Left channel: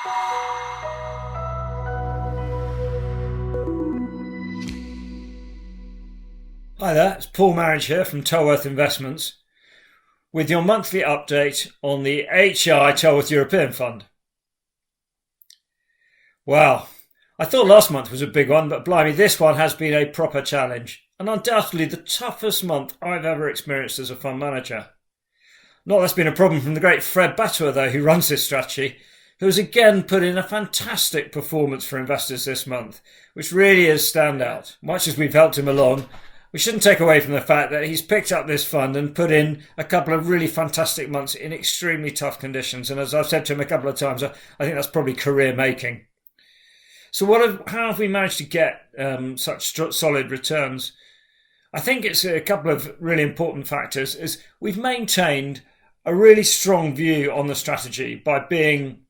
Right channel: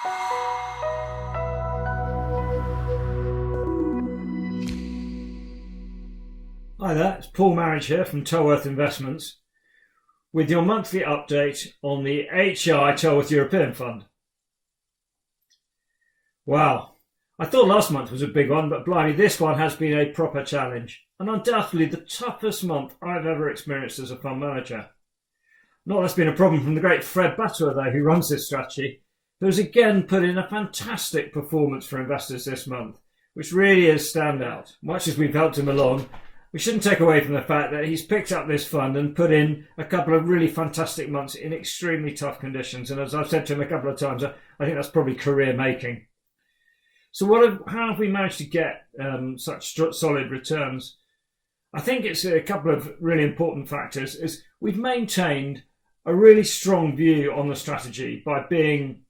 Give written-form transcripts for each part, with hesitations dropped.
Hi there, it's Paul Marriage here from Tellworth Investments with your monthly update on the HI Tellworth European Fund. Well, I thought last month was a big one, but blimey, this one has been a proper challenge and undoubtedly the toughest month I've ever experienced as a fund manager. Not that's been a problem from the great Fred Batua though, who runs this strategy, who has again put in a fantastic performance for investors this month, which really is standout. Much as we've helped him along, we shouldn't take away from the fact that he's picked up this fund and put in a couple of really fantastic months in extremely tough conditions. And as I've said to him a couple of times, I think that's probably career making. So how have we managed to get such solid returns? I think it's a couple of really important factors. Is we've maintained a really strong view on the strategy by being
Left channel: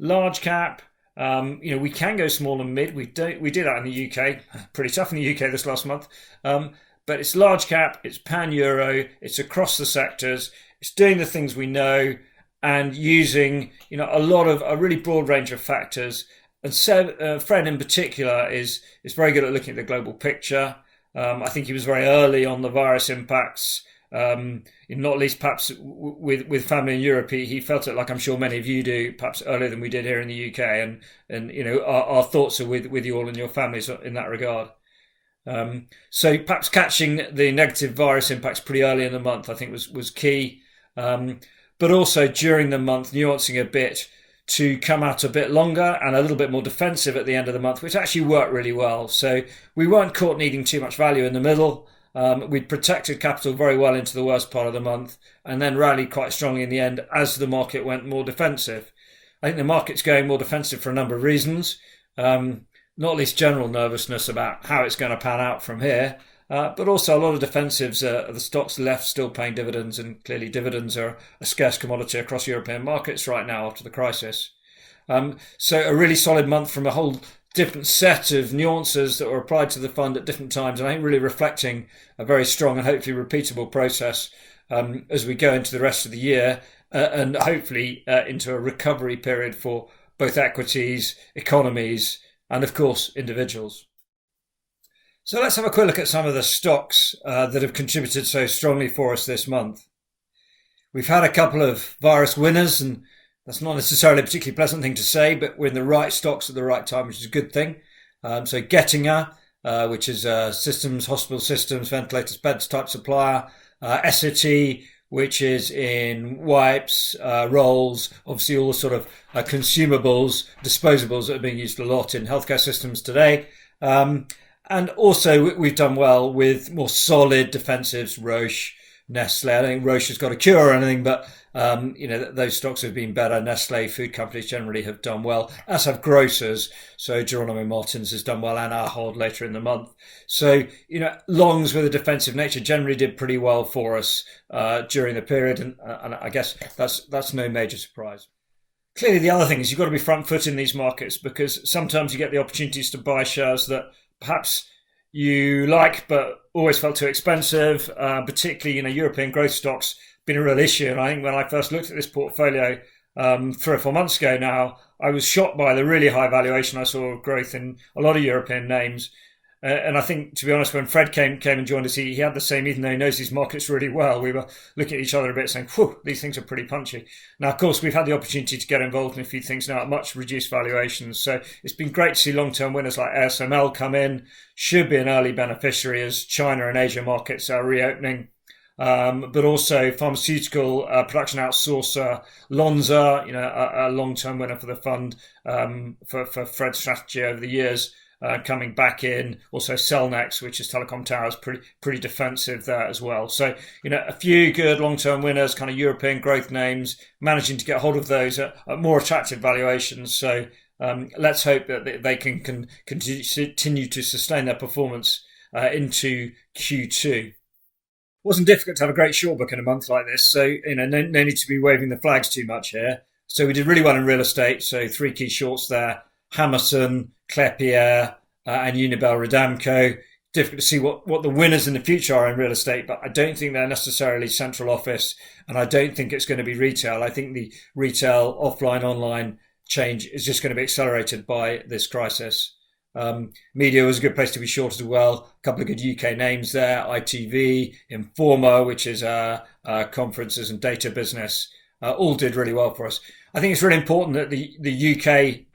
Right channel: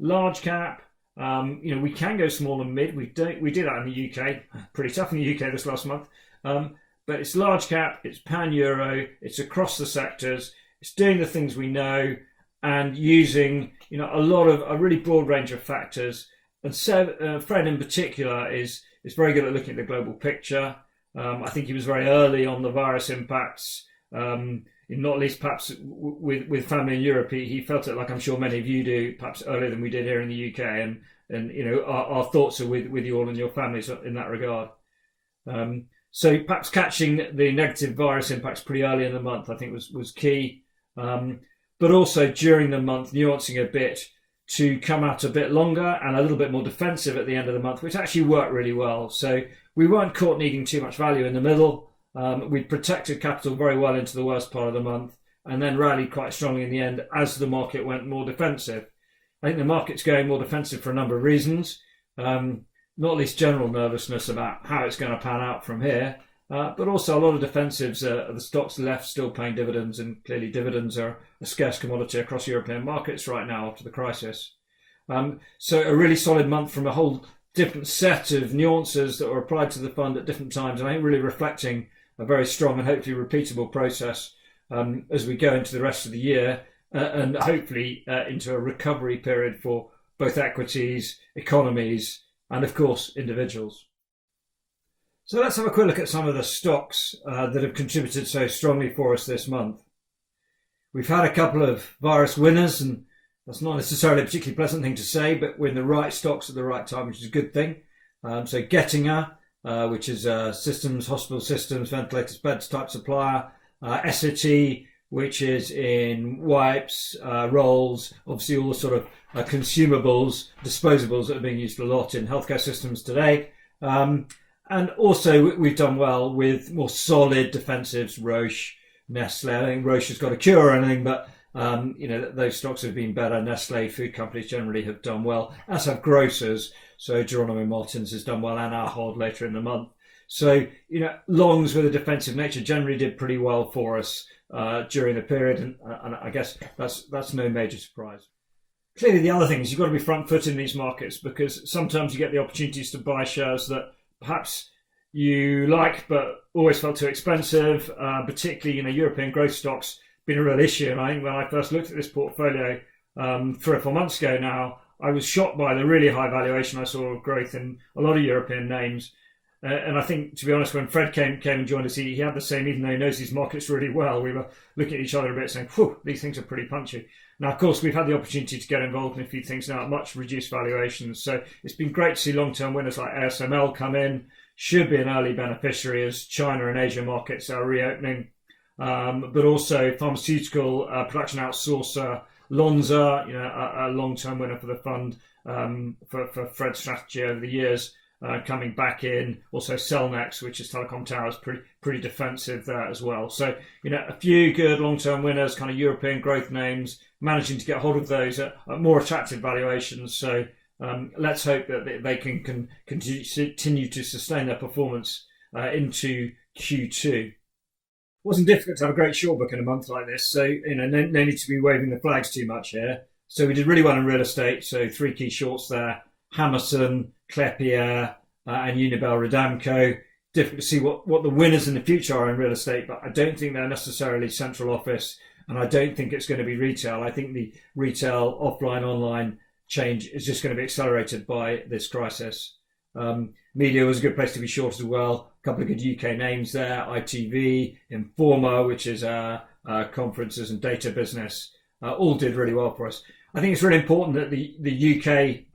large cap. We can go small and mid. We did that in the UK. Pretty tough in the UK this last month. But it's large cap, it's pan-Euro, it's across the sectors, it's doing the things we know and using a really broad range of factors. And Fred in particular is very good at looking at the global picture. I think he was very early on the virus impacts, not least perhaps with family in Europe. He felt it like I'm sure many of you do, perhaps earlier than we did here in the UK. And our thoughts are with you all and your families in that regard. So perhaps catching the negative virus impacts pretty early in the month, I think was key. But also during the month, nuancing a bit to come out a bit longer and a little bit more defensive at the end of the month, which actually worked really well. So we weren't caught needing too much value in the middle. We'd protected capital very well into the worst part of the month and then rallied quite strongly in the end as the market went more defensive. I think the market's going more defensive for a number of reasons. Not least general nervousness about how it's going to pan out from here, but also a lot of defensives. The stocks left still paying dividends, and clearly dividends are a scarce commodity across European markets right now after the crisis. So a really solid month from a whole different set of nuances that were applied to the fund at different times, and I think really reflecting a very strong and hopefully repeatable process as we go into the rest of the year and hopefully into a recovery period for both equities, economies, and of course individuals. So let's have a quick look at some of the stocks that have contributed so strongly for us this month. We've had a couple of virus winners, and that's not necessarily a particularly pleasant thing to say, but we're in the right stocks at the right time, which is a good thing. So Getinge, which is systems, hospital systems, ventilators, beds type supplier. Essity, which is in wipes, rolls, obviously all the sort of consumables, disposables that are being used a lot in healthcare systems today. And also we've done well with more solid defensives, Roche, Nestle. I don't think Roche has got a cure or anything, but those stocks have been better. Nestle, food companies generally have done well, as have grocers. So Geronimo Martins has done well, and Ahold later in the month. So, longs with a defensive nature generally did pretty well for us during the period, and I guess that's no major surprise. Clearly, the other thing is you've got to be front foot in these markets, because sometimes you get the opportunities to buy shares that perhaps you like but always felt too expensive, particularly European growth stocks been a real issue. And I think when I first looked at this portfolio 3 or 4 months ago now, I was shocked by the really high valuation I saw of growth in a lot of European names. And I think, to be honest, when Fred came and joined us, he had the same, even though he knows these markets really well. We were looking at each other a bit saying, whew, these things are pretty punchy. Now, of course, we've had the opportunity to get involved in a few things now at much reduced valuations. So it's been great to see long-term winners like ASML come in, should be an early beneficiary as China and Asia markets are reopening. But also pharmaceutical production outsourcer Lonza, a long-term winner for the fund for Fred's strategy over the years. Coming back in, also Cellnex, which is telecom towers, pretty defensive there as well. So, a few good long-term winners, kind of European growth names, managing to get hold of those at more attractive valuations. So let's hope that they can continue to sustain their performance into Q2. Wasn't difficult to have a great short book in a month like this, so no need to be waving the flags too much here. So we did really well in real estate, so 3 key shorts there: Hammerson, Klépierre, and Unibail-Rodamco. Difficult to see what the winners in the future are in real estate, but I don't think they're necessarily central office, and I don't think it's going to be retail. I think the retail, offline, online, change is just going to be accelerated by this crisis. Media was a good place to be short as well. A couple of good UK names there: ITV, Informa, which is conferences and data business, all did really well for us. I think it's really important that the UK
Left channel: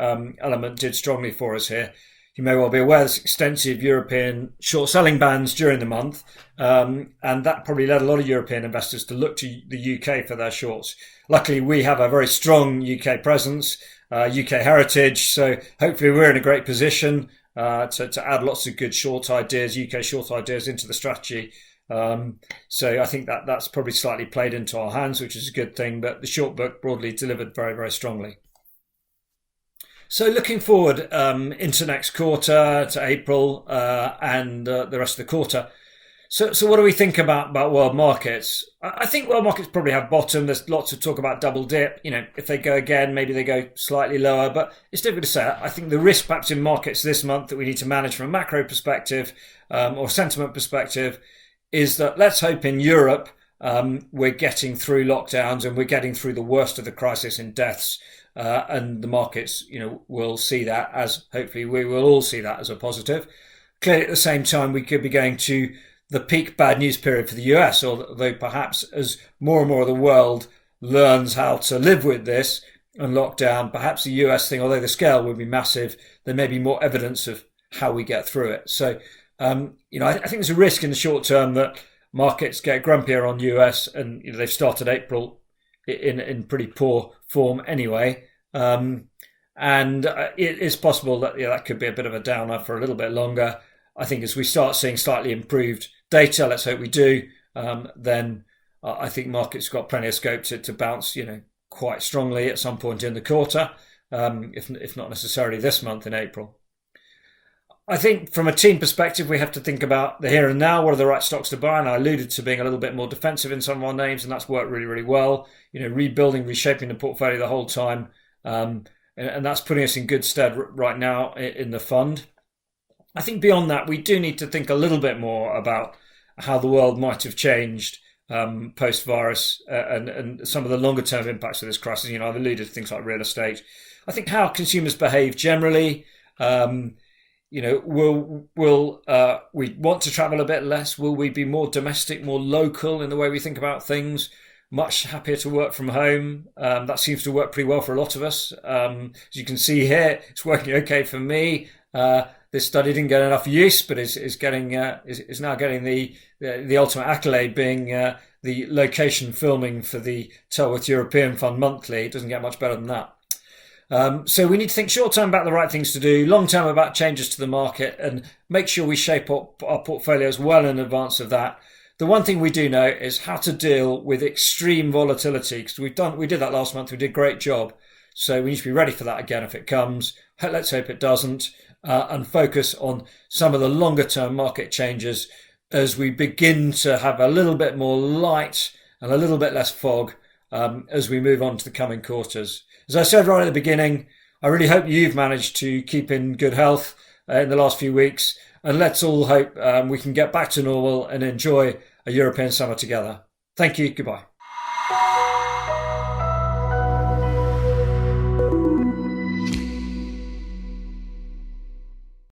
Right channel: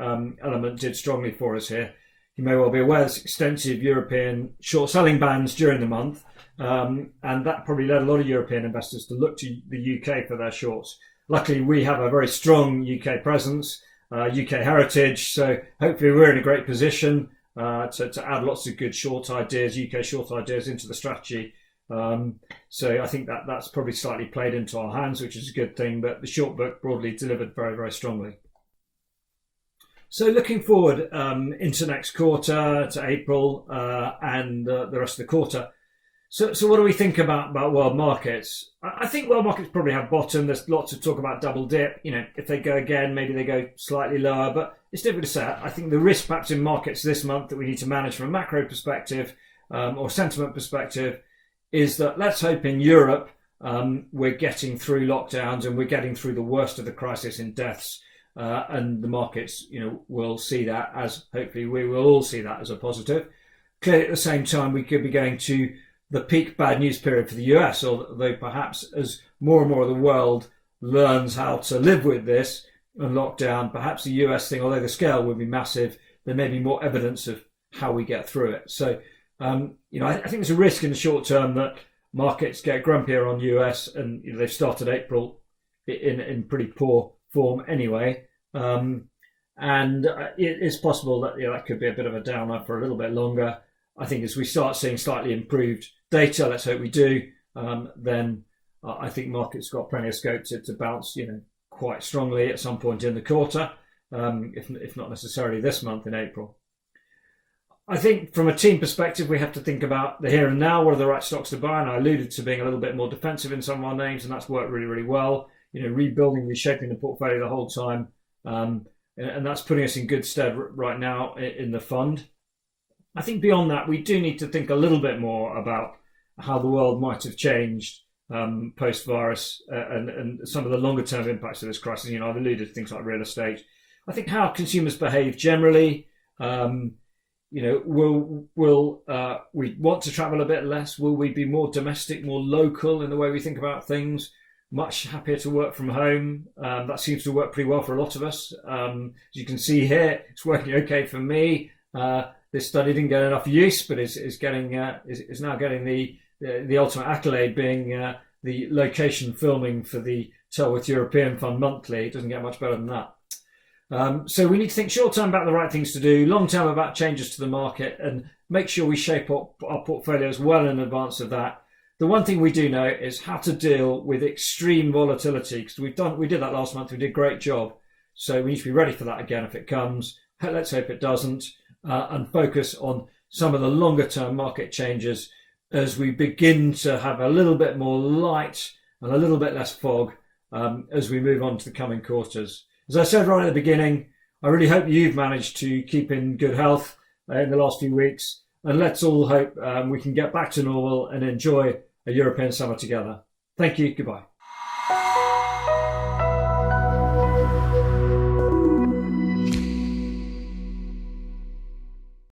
element did strongly for us here. You may well be aware there's extensive European short selling bans during the month, and that probably led a lot of European investors to look to the UK for their shorts. Luckily, we have a very strong UK presence, UK heritage, so hopefully we're in a great position to add lots of good short ideas, UK short ideas into the strategy. So I think that's probably slightly played into our hands, which is a good thing, but the short book broadly delivered very, very strongly. So looking forward into next quarter, to April and the rest of the quarter. So what do we think about world markets? I think world markets probably have bottomed. There's lots of talk about double dip. If they go again, maybe they go slightly lower, but it's difficult to say. I think the risk perhaps in markets this month that we need to manage from a macro perspective or sentiment perspective is that let's hope in Europe we're getting through lockdowns and we're getting through the worst of the crisis in deaths. And the markets, will see that as, hopefully we will all see that as a positive. Clearly at the same time, we could be going to the peak bad news period for the US, although perhaps as more and more of the world learns how to live with this and lockdown, perhaps the US thing, although the scale would be massive, there may be more evidence of how we get through it. So, I think there's a risk in the short term that markets get grumpier on US, and they've started April in pretty poor form anyway. And it is possible that that could be a bit of a downer for a little bit longer. I think as we start seeing slightly improved data, let's hope we do, then I think markets got plenty of scope to bounce, quite strongly at some point in the quarter, if not necessarily this month in April. I think from a team perspective, we have to think about the here and now. What are the right stocks to buy? And I alluded to being a little bit more defensive in some of our names, and that's worked really, really well. Rebuilding, reshaping the portfolio the whole time. And that's putting us in good stead right now in the fund. I think beyond that, we do need to think a little bit more about how the world might have changed post-virus and some of the longer-term impacts of this crisis. I've alluded to things like real estate. I think how consumers behave generally. Will we want to travel a bit less? Will we be more domestic, more local in the way we think about things? Much happier to work from home. That seems to work pretty well for a lot of us. As you can see here, it's working okay for me. This study didn't get enough use, but is now getting the ultimate accolade, being the location filming for the Tellworth European Fund Monthly. It doesn't get much better than that. So we need to think short term about the right things to do, long term about changes to the market, and make sure we shape up our portfolios well in advance of that. The one thing we do know is how to deal with extreme volatility, because we did that last month. We did a great job. So we need to be ready for that again if it comes. Let's hope it doesn't, and focus on some of the longer term market changes as we begin to have a little bit more light and a little bit less fog as we move on to the coming quarters. As I said right at the beginning, I really hope you've managed to keep in good health in the last few weeks, and let's all hope we can get back to normal and enjoy a European summer together. Thank you. Goodbye.